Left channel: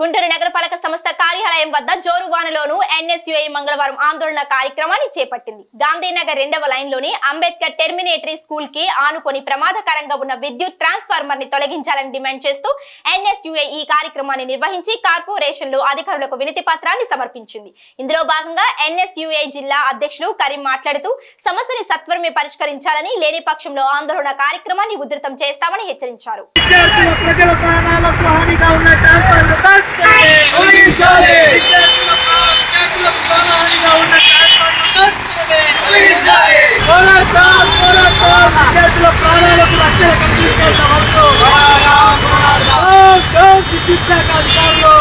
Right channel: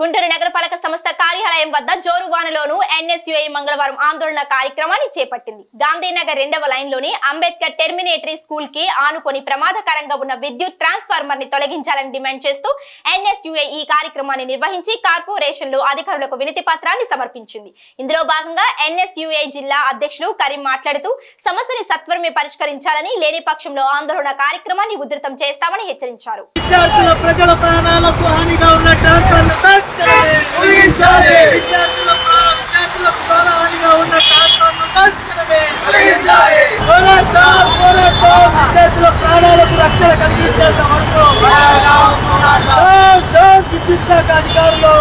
గుంటూరు నగరపాలక సంస్థ కార్యాలయం వద్ద జోరువానలోను ఎన్ఎస్యుఐ మంగళవారం ఆందోళన కార్యక్రమాన్ని చేపట్టింది. గాంధీనగర్ 2వ లైన్లోని అంబేద్కర్ టెర్మినేటరీ స్కూల్ కి ఆనుకొని ప్రమాదకరంగా ఉన్న విద్యుత్ ట్రాన్స్ఫార్మర్ ని తొలగించాలని డిమాండ్ చేస్తూ ఎన్ఎస్యుఐ ఈ కార్యక్రమాన్ని నిర్వహించి కార్పొరేషన్ లో అధికారులకు వినతి పత్రాన్ని సమర్పించింది. ఇందులో భాగంగా ఎన్ఎస్యుఐ జిల్లా అధ్యక్షులు కరీం మాట్లాడుతూ సమస్యని సత్వరమే పరిష్కరించాలని, లేని పక్షంలో ఆందోళన కార్యక్రమాన్ని ఉధృతం చేస్తామని హెచ్చరించారు. ప్రాణాలకు రక్షణ కలిగించేంత వరకు విద్యుత్ శాఖ అధికారులు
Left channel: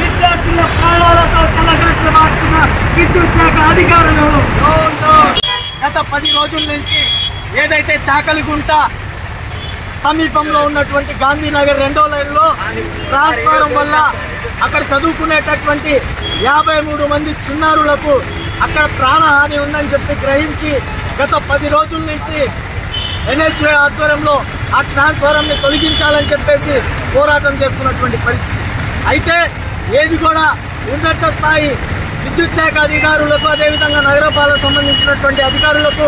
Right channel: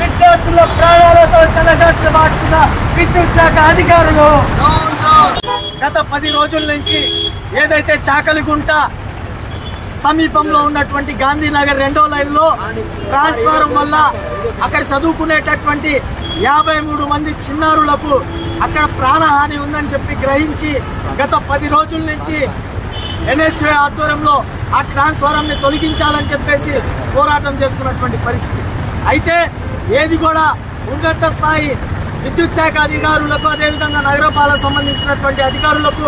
విద్యార్థుల ప్రాణాలతో చెలగట్టుమాడుతున్న విద్యుత్ శాఖ అధికారులు గత 10 రోజుల నుంచి ఏదైతే చాకలిగుంట సమీపంలో ఉన్నటువంటి గాంధీనగర్ 2వ లైన్లో ట్రాన్స్ఫారం వల్ల అక్కడ చదువుకునేటటువంటి 53 మంది చిన్నారులకు అక్కడ ప్రాణహాని ఉందని చెప్పి గ్రహించి గత 10 రోజుల నుంచి ఎన్ఎస్యుఐ ఆధ్వర్యంలో ఆ ట్రాన్స్ఫారంని తొలగించాలని చెప్పేసి పోరాటం చేస్తున్నటువంటి పరిస్థితి. అయితే ఏది కూడా ఉన్నత స్థాయి విద్యుత్ శాఖ అధికారులకు, అదేవిధంగా నగరపాలకు సంబంధించినటువంటి అధికారులకు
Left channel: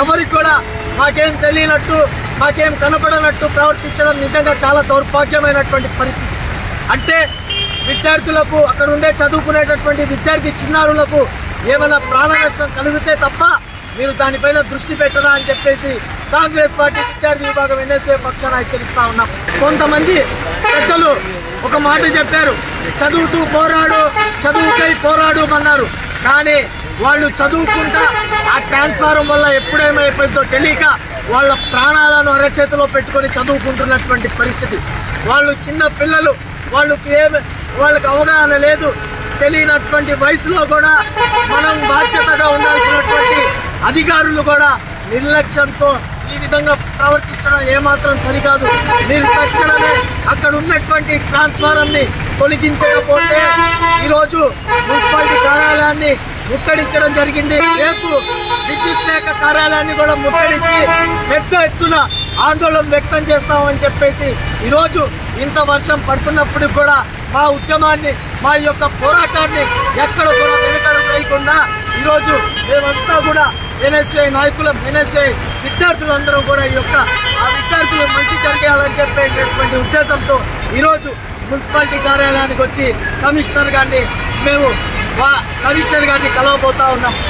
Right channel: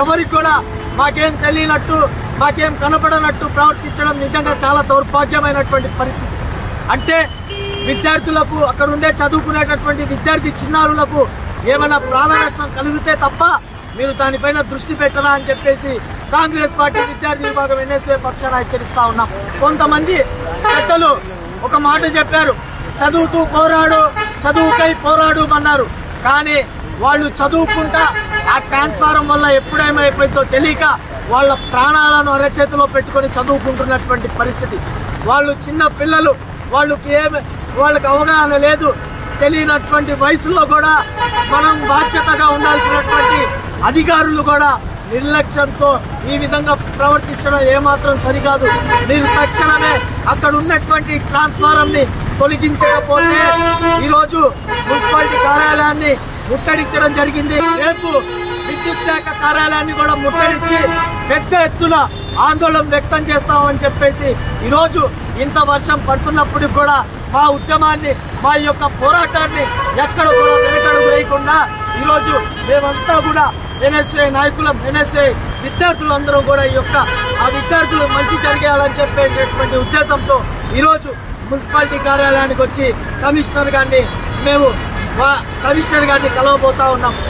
ఎవరికి కూడా మాకేం తెలియనట్టు, మాకేం కనపడనట్టు ప్రవర్తించడం నిజంగా చాలా దౌర్భాగ్యమైనటువంటి పరిస్థితి. అంటే విద్యార్థులకు, అక్కడ ఉండే చదువుకునేటటువంటి విద్యార్థి చిన్నారులకు ఏమైనా ప్రాణ నష్టం కలిగితే తప్ప మీరు దానిపైన దృష్టి పెట్టరా అని చెప్పేసి కాంగ్రెస్ పార్టీ విద్యార్థి విభాగం ఎన్ఎస్యుఐ పక్షాన హెచ్చరిస్తా ఉన్నాం. కొంతమంది పెద్దలు ఒక మాట చెప్పారు, చదువుతూ పోరాడు, చదువుకై పోరాడు అన్నారు. కానీ వాళ్ళు చదువుకుంటా ఆ ట్రాన్స్ఫారం వల్ల ఎప్పుడేమైపోయిందో తెలియక వాళ్ళ ప్రాణాలను అరచేతిలో పెట్టుకొని చదువుకుంటున్నటువంటి పరిస్థితి. వాళ్ళు చిన్న పిల్లలు, వాళ్ళకి అవగాహన లేదు. తెలియనటువంటి వయసులో కూడా మనం బాధ్యతగా ఉండాల్సినటువంటి అధికారులు కూడా నిర్లక్ష్యంతో ఈ విధంగా ప్రవర్తించడం ఏమాత్రం సరికాదు. మీరు తక్షణమే అక్కడ ఉన్నటువంటి ట్రాన్స్ఫారంని తొలగించకపోతే ఈరోజు మున్సిపాలిటీ కార్యాలయాన్ని ముట్టడించడం జరిగింది. రేపు విద్యుత్ శాఖ కార్యాలయాన్ని కూడా ముట్టడించి పెద్ద ఎత్తున ఆందోళన వ్యక్తం చేస్తామని చెప్పేసి ఈరోజు ఇంత వర్షం పడుతున్నప్పుడు కూడా మా ఉద్యమాన్ని, మా యొక్క పోరాటాన్ని ఎక్కడ కూడా వెనకడుగు వేయకుండా ఈరోజు మేమంతా కూడా ఎన్ఎస్యుఐ నాయకులు, ఎన్ఎస్యుఐ విద్యార్థులందరూ కూడా ఈ యొక్క ఆ విద్యార్థులు మంచి జరిగేయాలని చెప్పేటటువంటి ఉద్దేశంతో ఈరోజు మున్సిపాలిటీ కార్యాలయానికి వచ్చి కమిషనర్ గారిని కలవబోతా ఉన్నాం.